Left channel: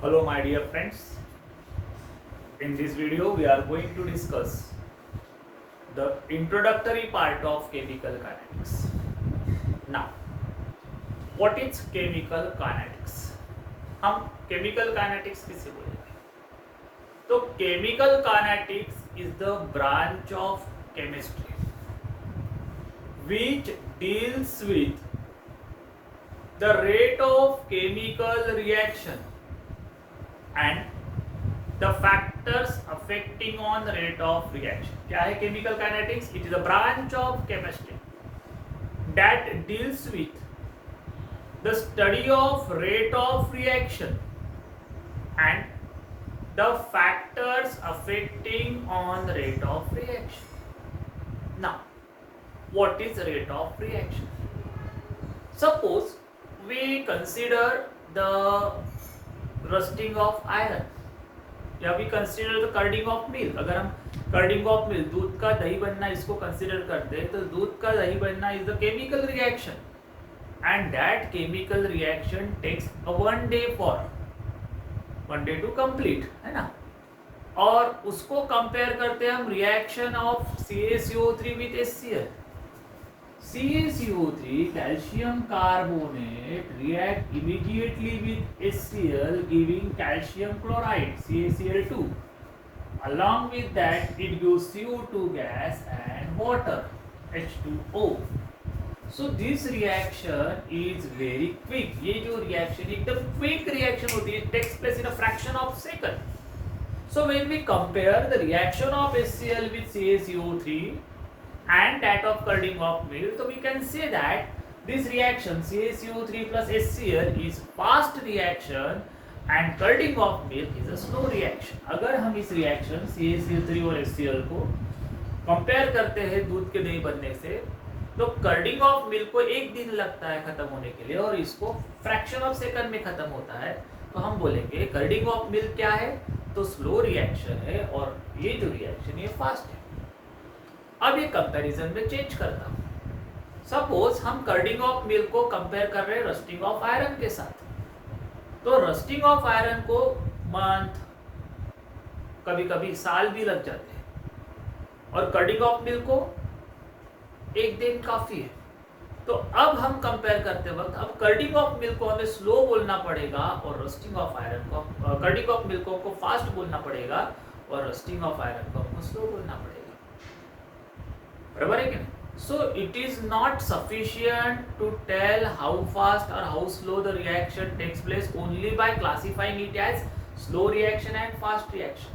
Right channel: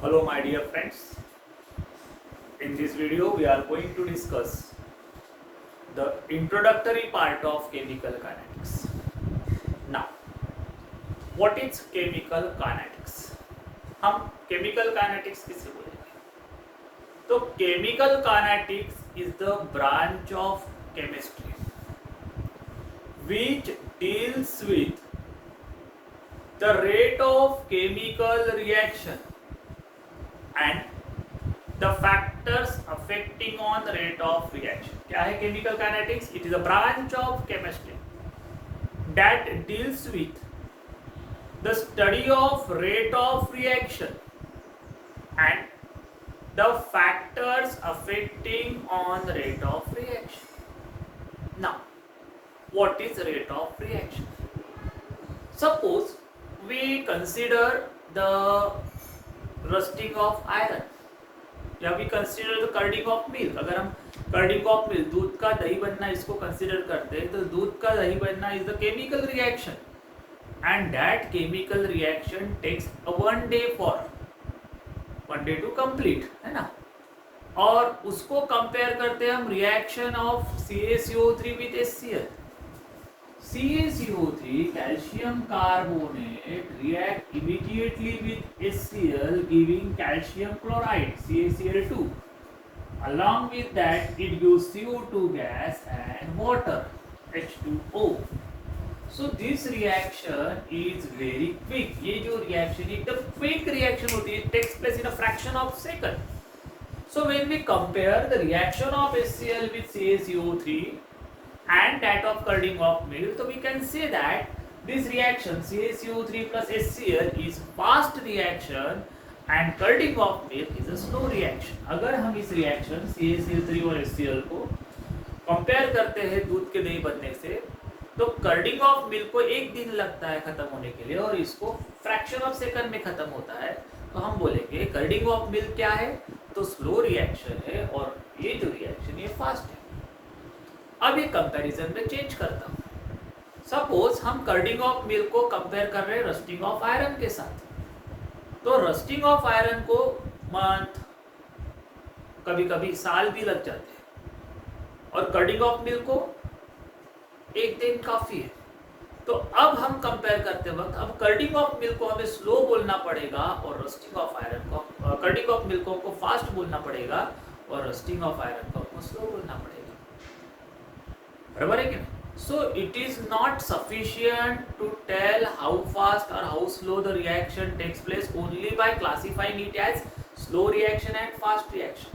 Hello my dear friends, in this video we are going to discuss the introductory part of chemical kinetics. Now, what is chemical kinetics? हम chemical kinetics किसे बोलेंगे? तो chemical kinetics is the branch of chemistry which deals with the rate of chemical reaction and the factors affecting on the rate of reaction. क्या है chemical kinetics? It is a branch of chemistry that deals with the study of rate of reaction and the factors affecting on the rate of reaction. Now, what is rate of reaction? Suppose we consider the rusting of iron या we consider the curding of milk. अगर हम कर्डिंग of milk, दूध का दही बनना, इसको कंसिडर करते हैं तो दूध का दही बनना is the chemical reaction and that chemical reaction takes one day to complete, है ना. और उसको कंपेयर करते हैं हम reaction of CaCO3 with HCl. CaCO3 calcium carbonate react immediately with HCl giving calcium chloride CaCl2. Along with that it gives CO2 gas and water H2O. So this reaction is very quick. ये जो reaction एकदम quick reaction होती है, it takes place in a fraction of second. So when we compare the reaction of HCl with CaCO3 and that of curding of milk, so we can say that this reaction CaCO3 plus HCl is fast reaction and curding of milk is a slow reaction. अगर हम इस reaction CaCO3 और HCl को कंपेयर करते हैं दूध के दही बनने से, तो कर्डिंग ऑफ मिल्क को एक दिन लगता है खत्म होने के लिए और इसको फ्रैक्शन ऑफ सेकंड में खत्म होता है. तो हम बोलेंगे कर्डिंग ऑफ मिल्क क्या है, तो स्लो रिएक्शन है और ये जो रिएक्शन ये फास्ट है. अब ये कंपैरिजन में चेंज करता हूं. सपोज हम कर्डिंग ऑफ मिल्क को कंपेयर कर रहे हैं रस्टिंग ऑफ आयरन के साथ. तो रस्टिंग ऑफ आयरन को मंथ, कभी कभी साल भी लग जाते हैं और कर्डिंग ऑफ मिल्क को एक दिन काफी है. तो अब हम कंपेयर करते वक्त अब कर्डिंग ऑफ मिल्क को हमें स्लो बोलना पड़ेगा और रस्टिंग ऑफ आयरन को, कर्डिंग ऑफ मिल्क को फास्ट बोलना पड़ेगा और रस्टिंग ऑफ आयरन को स्लो बोलना पड़ेगा. बराबर है क्या? So it is not sufficient to tell how fast or how slow the reaction takes place only by classifying it as slow reaction and fast reaction.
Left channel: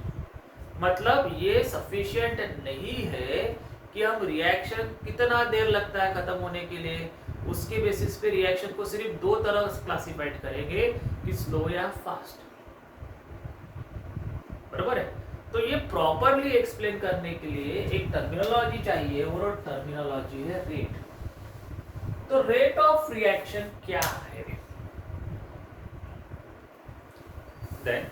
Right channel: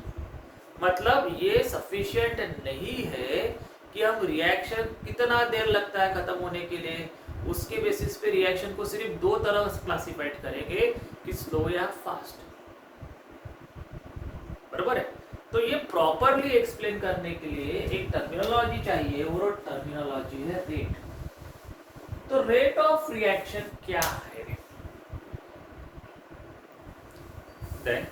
मतलब ये sufficient नहीं है कि हम रिएक्शन कितना देर लगता है खत्म होने के लिए, उसके बेसिस पे रिएक्शन को सिर्फ दो तरह से क्लासिफाइड करेंगे कि स्लो या फास्ट. बराबर है. तो ये प्रॉपरली एक्सप्लेन करने के लिए एक टर्मिनोलॉजी चाहिए और टर्मिनोलॉजी है रेट. तो रेट ऑफ रिएक्शन क्या है? देन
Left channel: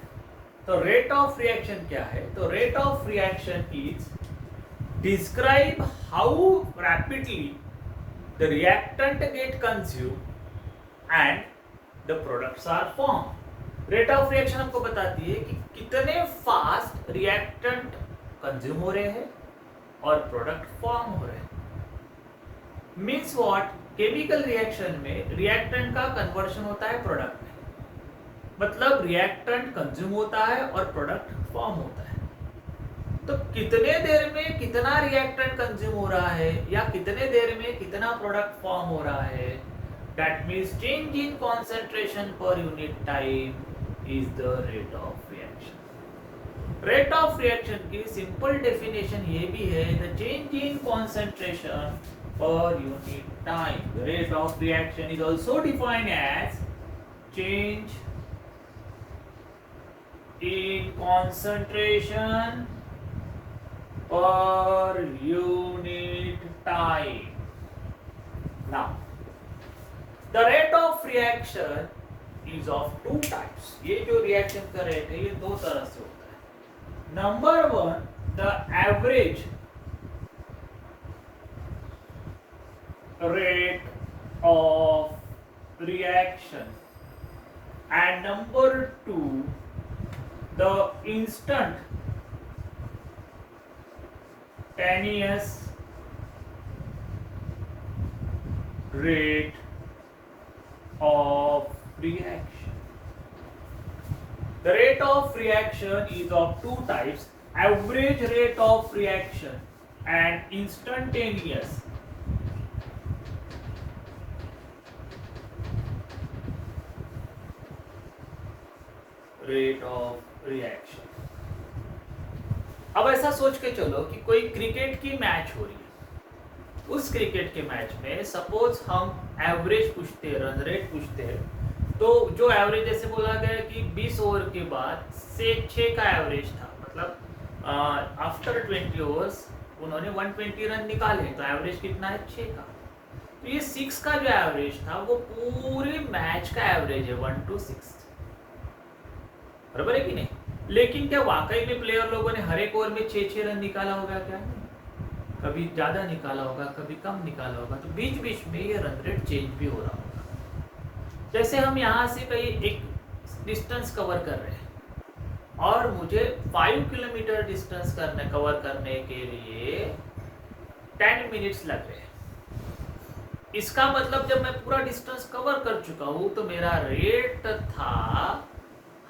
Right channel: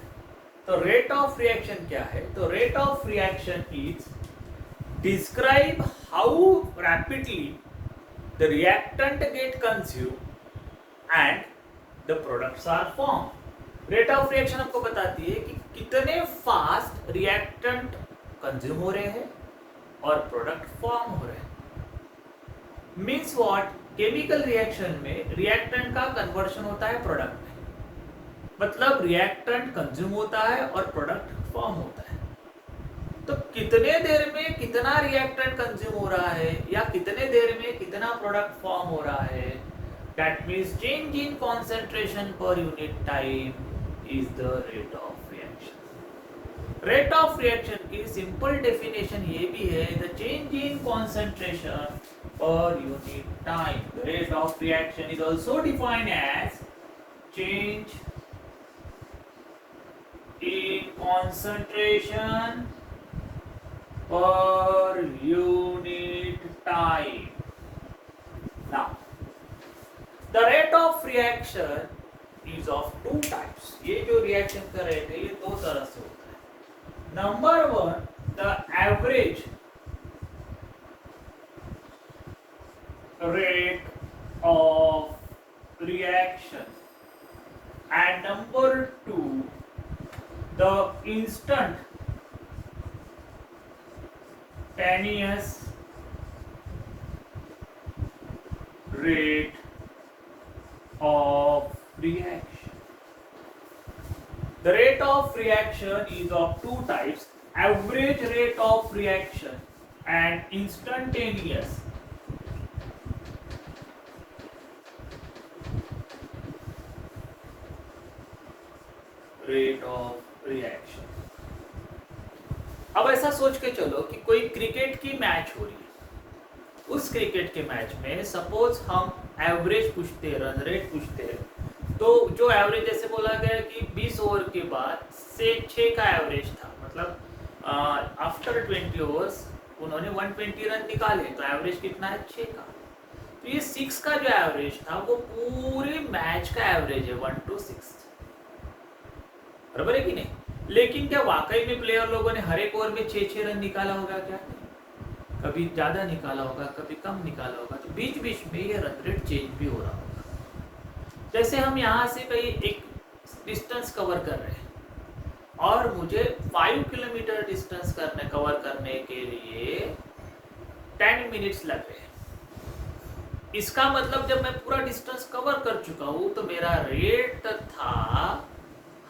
तो रेट ऑफ रिएक्शन क्या है? तो rate of reaction is describe how rapidly the reactant get consume and the products are form. Rate of reaction आपको बताती है कि कितने फास्ट रिएक्टेंट कंज्यूम हो रहे हैं और प्रोडक्ट फॉर्म हो रहे हैं. Means what? केमिकल रिएक्शन में रिएक्टेंट का कन्वर्शन होता है प्रोडक्ट में. मतलब रिएक्टेंट कंज्यूम होता है और प्रोडक्ट फॉर्म होता है. तो कितने देर में कितना रिएक्टेंट कंज्यूम हो रहा है या कितने देर में कितना प्रोडक्ट फॉर्म हो रहा है, that means change in concentration per unit time is the rate of reaction. Rate of reaction की simple definition ये भी है, the change in concentration per unit time. The rate of reaction is also defined as change in concentration per unit time. Now, the rate of reaction is of two types. ये जो रिएक्शन का रेट है ये दो तरह से होता है. Number one, the average rate of reaction and number 2, the instantaneous rate of reaction. The rate of reaction is of two types: average rate of reaction and instantaneous rate of reaction. अब ऐसा सोच के चलो कि कोई क्रिकेट की मैच हो रही है। उस क्रिकेट के मैच में सपोज हम एवरेज पूछते हैं, रन रेट पूछते हैं, तो जो एवरेज जैसे बोला गया कि 20 ओवर के बाद से 6 का एवरेज था, मतलब आफ्टर 20 ओवर्स उन्होंने 120 रन निकाले, तो एवरेज कितना है? 6 का। तो ये 6 का जो एवरेज था वो पूरे मैच का एवरेज है, 1 to 6, बराबर है कि नहीं? लेकिन क्या वाकई में प्लेयर लोगों ने हर एक ओवर में 6-6 रन निकाला होगा? क्या नहीं, कभी ज्यादा निकाला होगा, कभी कम निकाला होगा। तो बीच बीच में ये रन रेट चेंज भी हो रहा होगा। जैसे हम यहाँ से कहीं एक डिस्टेंस कवर कर रहे हैं और मुझे 5 किलोमीटर डिस्टेंस कवर करने के लिए 10 मिनट्स लग रहे हैं। इसका मतलब जब मैं पूरा डिस्टेंस कवर कर चुका हूं तो मेरा रेट था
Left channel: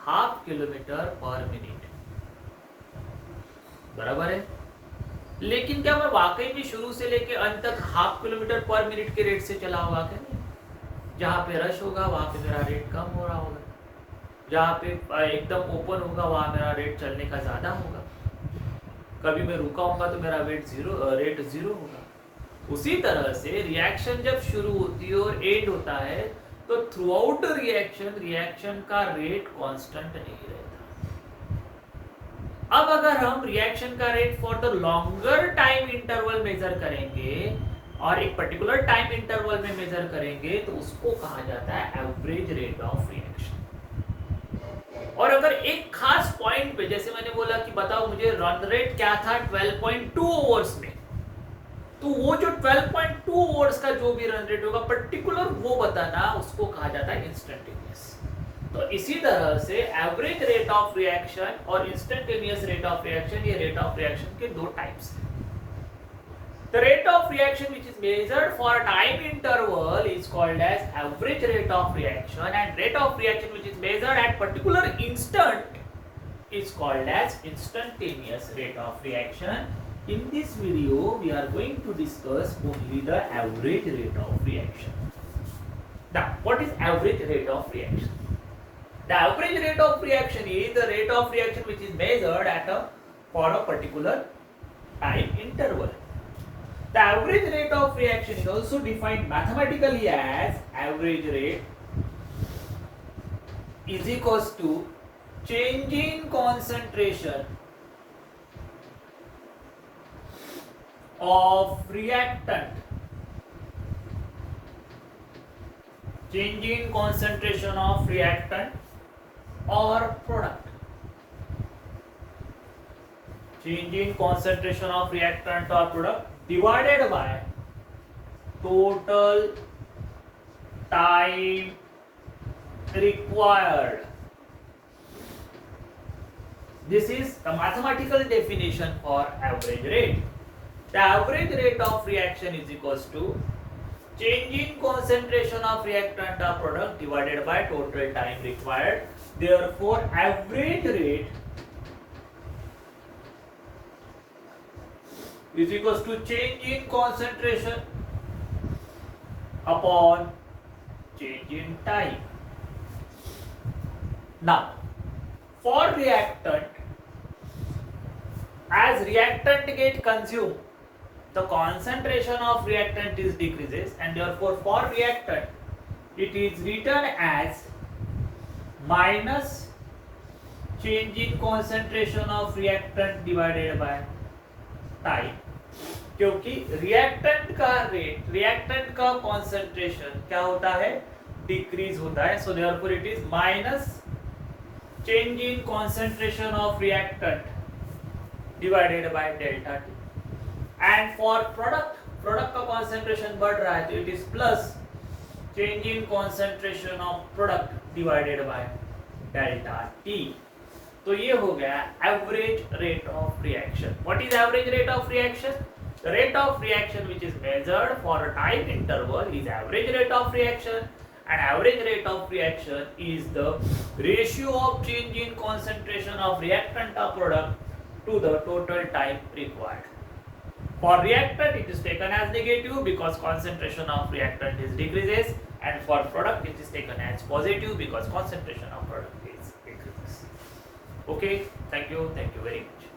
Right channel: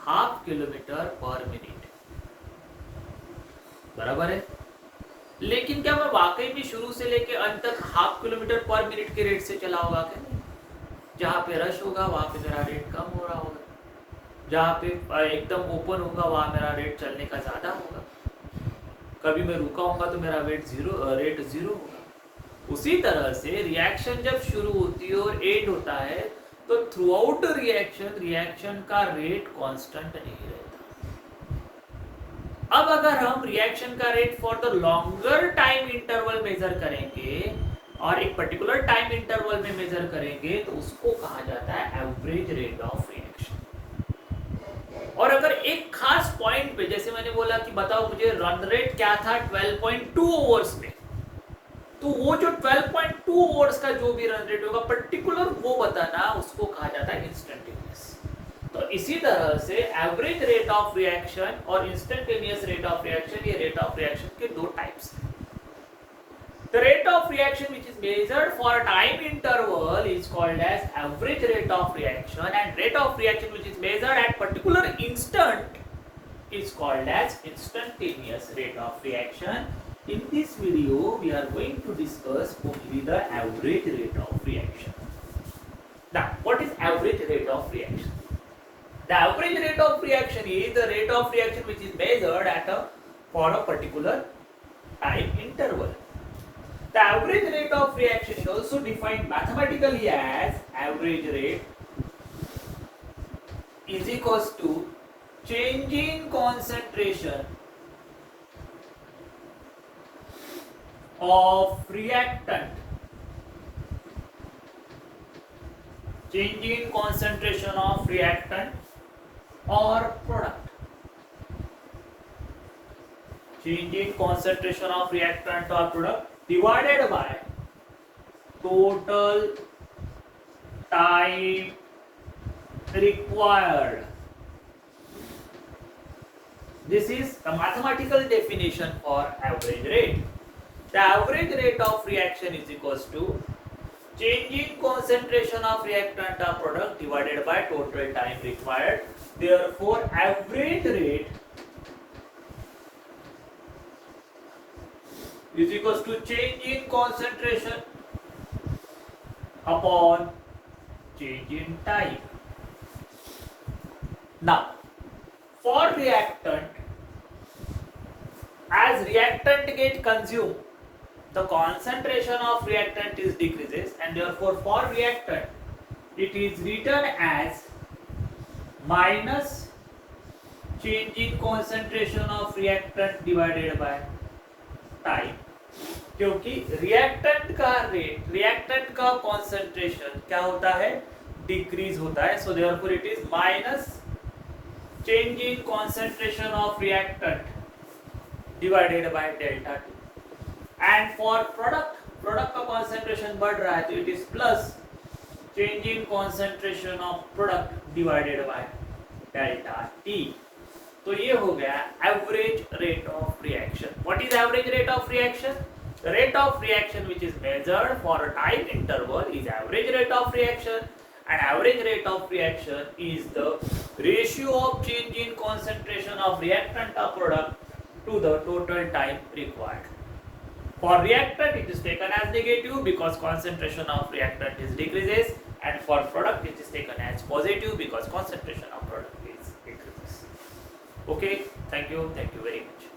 0.5 किलोमीटर पर मिनट, बराबर है। लेकिन क्या मैं वाकई में शुरू से लेके अंत तक 0.5 किलोमीटर पर मिनट के रेट से चला होगा? क्या नहीं? जहाँ पे रश होगा वहां पे मेरा रेट कम हो रहा होगा, जहाँ पे एकदम ओपन होगा वहां मेरा रेट चलने का ज्यादा होगा, कभी मैं रुका होगा तो मेरा रेट जीरो होगा। उसी तरह से रिएक्शन जब शुरू होती है और एंड होता है तो थ्रू आउट रिएक्शन का रेट कांस्टेंट नहीं रहता। अब अगर हम रिएक्शन का rate for the longer time interval measure करेंगे और एक पर्टिकुलर टाइम इंटरवल में मेजर करेंगे तो उसको कहा जाता है एवरेज रेट ऑफ रिएक्शन। और अगर एक खास पॉइंट पे, जैसे मैंने बोला कि बताओ मुझे रन रेट क्या था 12.2 ओवर्स में, तो वो जो 12.2 ओवर्स का जो भी रन रेट होगा पर्टिकुलर वो बताना, उसको कहा जाता है इंस्टेंटेनियस। तो इसी तरह से एवरेज रेट ऑफ रिएक्शन और इंस्टेंटेनियस रेट ऑफ रिएक्शन, ये रेट ऑफ रिएक्शन के दो टाइप्स हैं। The rate of reaction which is measured for a time interval is called as average rate of reaction, and rate of reaction which is measured at particular instant is called as instantaneous rate of reaction. In this video we are going to discuss only the average rate of reaction. Now what is average rate of reaction? The average rate of reaction is the rate of reaction which is measured for a particular time interval. The average rate of reaction is also defined mathematically as average rate is equals to change in concentration of reactant, change in concentration of reactant or product, change in concentration of reactant or product divided by total time required. This is the mathematical definition for average rate. The average rate of reaction is equals to change in concentration of reactant or product divided by total time required. Therefore, average rate is equals to change in concentration upon change in time. Now, for reactant, as reactant get consumed, the concentration of reactant is decreases, and therefore for reactant it is written as minus change in concentration of reactant divided by time, क्योंकि रिएक्टेंट का rate, reactant का कॉन्सेंट्रेशन क्या होता है? डिक्रीज होता है। So therefore it is minus change in concentration of reactant divided by delta T. And for product, product का कॉन्सेंट्रेशन बढ़ रहा है तो it is plus change in concentration of product divided by delta T. तो ये हो गया average rate of reaction. What is average rate of reaction? The rate of reaction which is measured for a time interval is average rate of reaction, and average rate of reaction is the ratio of change in concentration of reactant or product to the total time required. For reactant it is taken as negative because concentration of reactant is decreases, and for product it is taken as positive because concentration of product is increases. Okay, thank you very much.